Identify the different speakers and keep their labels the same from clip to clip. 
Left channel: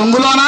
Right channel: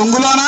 Speaker 1: పొంగులోనా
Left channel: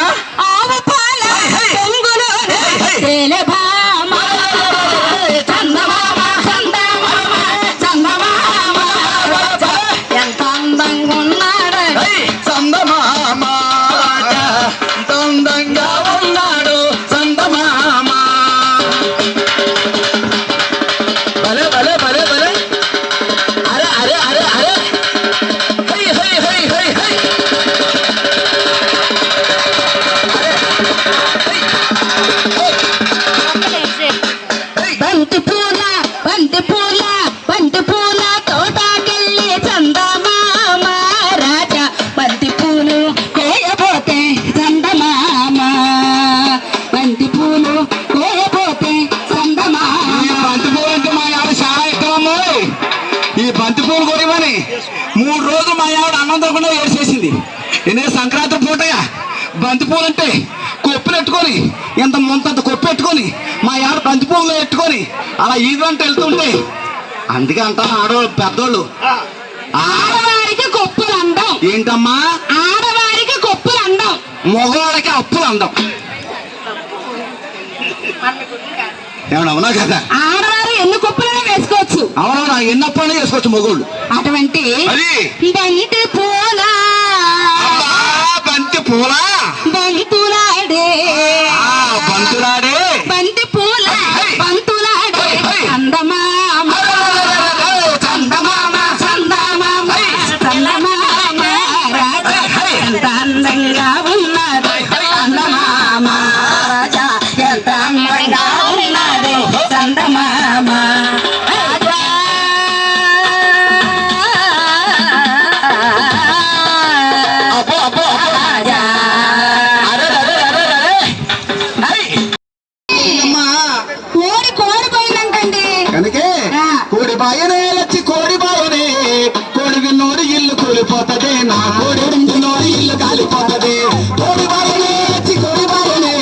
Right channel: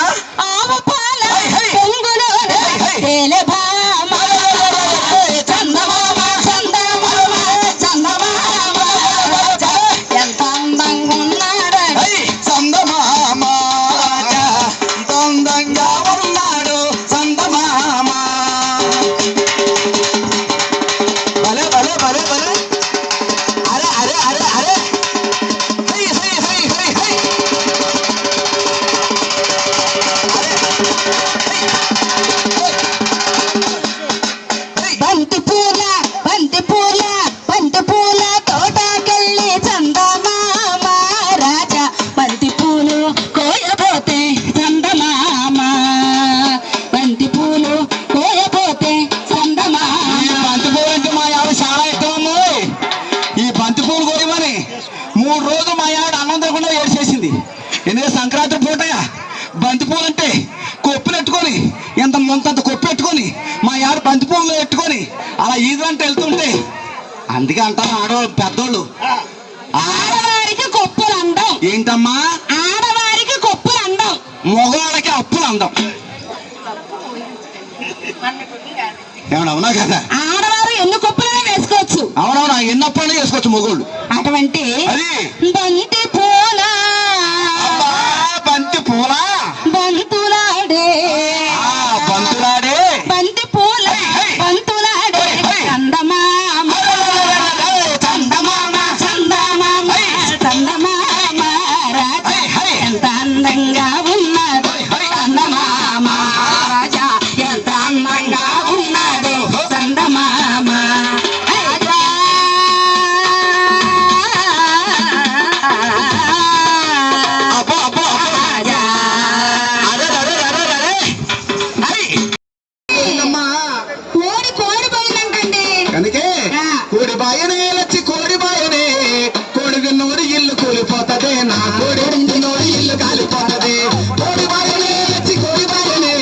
Speaker 2: బంతి పూలు
Speaker 1: అంటే కొప్పులు ఎట్టుకొని ఇంత ముంతంత కొప్పు ఎట్టుకొని మా ఆవిడ బంతి పూలు ఎట్టుకొని అలా ఈదంటే వెళ్తుంటే అందుకే అంటారు ఆడవాళ్ళు పెద్దోళ్ళు.
Speaker 2: ఆడవారికి కొప్పులు అందం.
Speaker 1: ఏంటమ్మా?
Speaker 2: ఆడవారికి కొప్పులు అందం.
Speaker 1: మగవాళ్ళకి అప్పులు అందం. ఏమన్నా అవునా కదా?
Speaker 2: ఆడవారు ఎన్ని కొప్పులైనా వేసుకోవచ్చు.
Speaker 1: అవునవునా ఎన్నప్పుడైనా చేసుకోవచ్చు మగోళ్ళు.
Speaker 2: అటువంటి బంతి
Speaker 1: బంతి పూల
Speaker 2: బంతులాడే
Speaker 1: బంతులాడే.
Speaker 2: బంతి
Speaker 1: నా
Speaker 2: కోడి
Speaker 1: విన్నోడి ఇల్లు కాలిపోతదే. కోడి కోడి బాయనే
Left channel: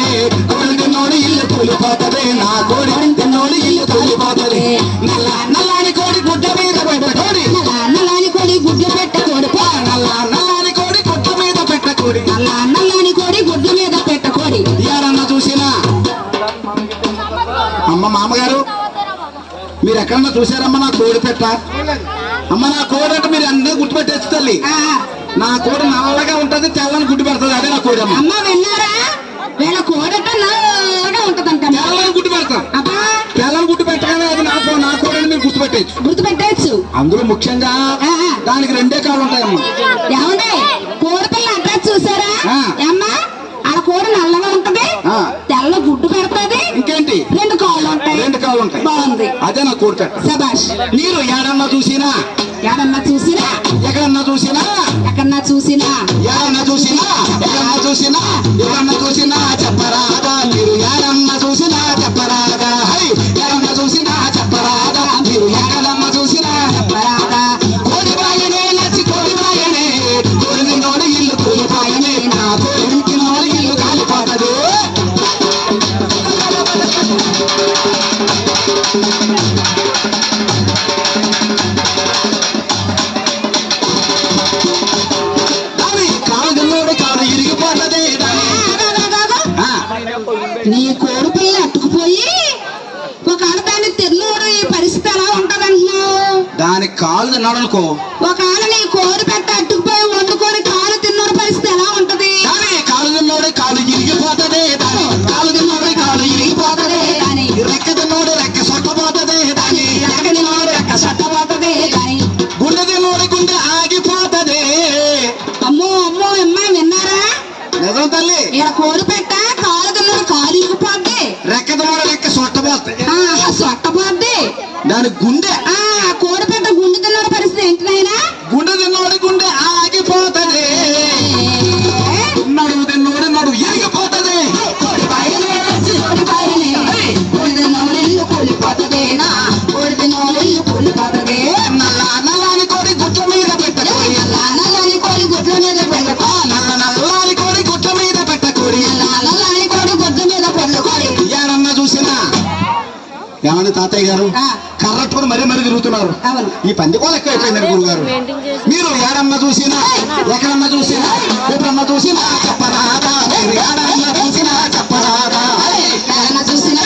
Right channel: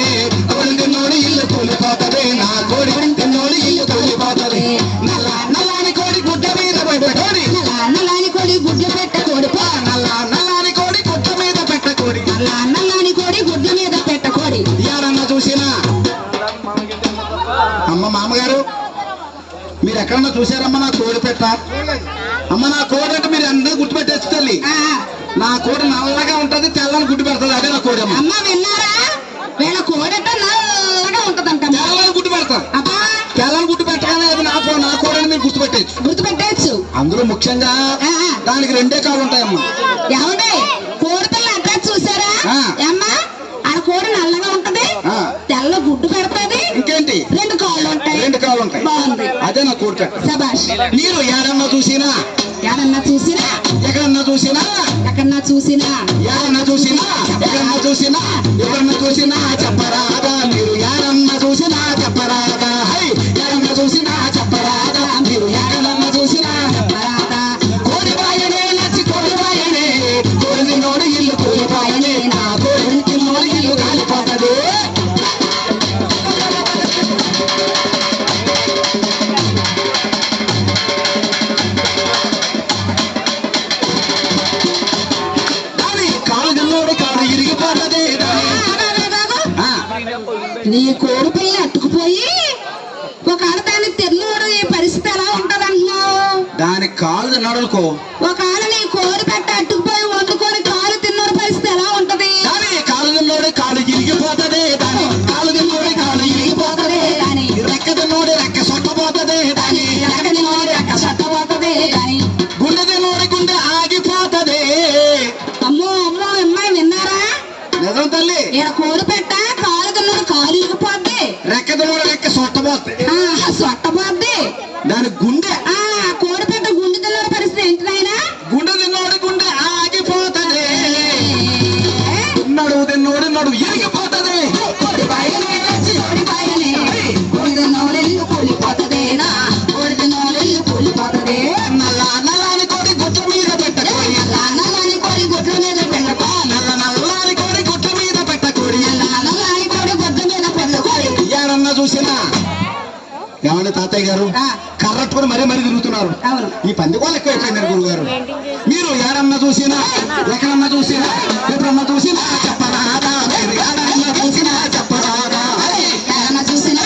Speaker 1: కోడి విన్నోడి ఇల్లు కూలిపోతదే. నా కోడి విన్నోడి ఇల్లు కూలిపోతదే. నల్ల నల్లాని కోడి గుడ్డ మీద పెట్ట కోడి.
Speaker 2: నల్లని కోడి పెట్ట కోడి.
Speaker 1: నల్ల నల్లాని కోడి గుడ్డ మీద పెట్ట కోడి.
Speaker 2: నల్ల నల్లని కోడి గుడ్ల మీద పెట్ట కోడి.
Speaker 1: ఎవరన్నా చూసినా? అమ్మ మామగారు మీరు ఎక్కడన్నా చూసారమ్మా నా కోడి పెట్ట? అమ్మ నా కోడి అంటే మీరు అందరూ గుర్తుపెట్టచ్చు తల్లి. నా కోడి నల్లగా ఉంటది తెల్లని గుడ్డు పెడుతుంది అదే నా కోడి అమ్మ
Speaker 2: విన్నారా? వీళ్ళ కోడట నల్లగా ఉంటదంట
Speaker 1: తెల్లని గుడ్డు పెడతాను
Speaker 2: అబ్బా!
Speaker 1: తెల్లని గుడ్డు పెట్టగానే అది నా నా కోడి అని మీరు గుర్తుపెట్టచ్చు
Speaker 2: గుర్తు పెట్టచ్చు
Speaker 1: అందులో ముఖ్యంగా దానికి రెండే కాళ్ళు ఉంటాయమ్మా.
Speaker 2: ఏమండి? కోడి పిల్ల అడ్రస్ చూసారా?
Speaker 1: ఆ.
Speaker 2: అమ్మా ఆడ కోడి నల్లగా ఉంటది
Speaker 1: ఆ.
Speaker 2: తెల్ల గుడ్డు పెడతది
Speaker 1: ఇంకేంటి?
Speaker 2: రెండు కాళ్ళు ఉంటాయి.
Speaker 1: రెండు కాళ్ళు ఉంటాయి.
Speaker 2: బాగుంది.
Speaker 1: అదే నా కోడి పెట్ట.
Speaker 2: సబాష్
Speaker 1: మీరు ఏడన్నా చూసినా
Speaker 2: ఎవరన్నా చూసినా?
Speaker 1: ఎక్కడన్నా చూసినా?
Speaker 2: ఎక్కడన్నా చూసినా?
Speaker 1: ఎవరన్నా చూసినా? ఎవరన్నా చూసినా? ఎవరన్నా చూసినా? చెప్పరాదా మీరు? ఎవరన్నా చూసినా? చెప్పరాదా? హై! ఎవరన్నా చూసినా? చెప్పరాదా మీరు? ఎవరన్నా చూసినా? చెప్పరాదా? కోడి బాయనే నచ్చి కోడి బాయనే కోడి నోడి ఇల్లు కూలిపాయనే నా కోడి నోడి ఇల్లు కాలిపోతది.
Speaker 2: నీ కోడి పిల్ల అట్టుకుపోయి ఒక ఆడదాన్ని తెల్లూరు ఈ పరిస్థితి ఎలా ఉంటదంటున్నావు?
Speaker 1: దాని కాలు తిన్నాడు అనుకో
Speaker 2: ఒక ఆడ నీ కోడి పెట్ట అట్టుకుపోయి వండుకొని కాలు తిన్నూరు పరిస్థితి ఎలా ఉంటది?
Speaker 1: దాని కాలు తిన్నోడు కాలు ఇరిగిపోతది దాని కాలు తిన్నోడు కాలు ఇరిగిపోతది
Speaker 2: దాని
Speaker 1: రెక్క తిన్నోడు రెక్క సొట్టపోతది దాని
Speaker 2: ఎక్కడ తిన్నోడు రెక్క సట్టబోతది దాని
Speaker 1: గుండె తిన్నోడి గుండె ఆగిపోతది.
Speaker 2: అమ్మో అమ్మో అమ్మాయి విన్నారా?
Speaker 1: నిజం తల్లి.
Speaker 2: ఈడ కోడి పెట్ట కాలు తిన్నూరు కాలు ఇరిగిపోద్ది
Speaker 1: రెక్క
Speaker 2: ఆ, సొట్టబోద్ది
Speaker 1: దాని గుండె ఏమండి తాతయ్య గారు? కర్రట్టుకుని మరీ మరీ తిరుగుతున్నారు. ఈ పందికోలు ఎక్కువైపోయినారు గురువు గారు మీరు ఏడమ్మ చూసినా ఎక్కడమ్మ చూసినా ఎప్పుడమ్మ చూసినా చెప్పరాదా? చూసినా చూసినా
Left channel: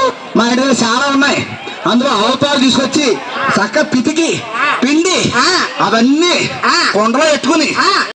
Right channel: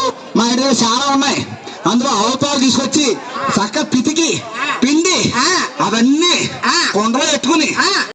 Speaker 1: తీసుకొచ్చి చక్క పితికి పిండి
Speaker 2: ఆ.
Speaker 1: అవన్నీ. కొండలో పెట్టుకుని
Speaker 2: ఆ.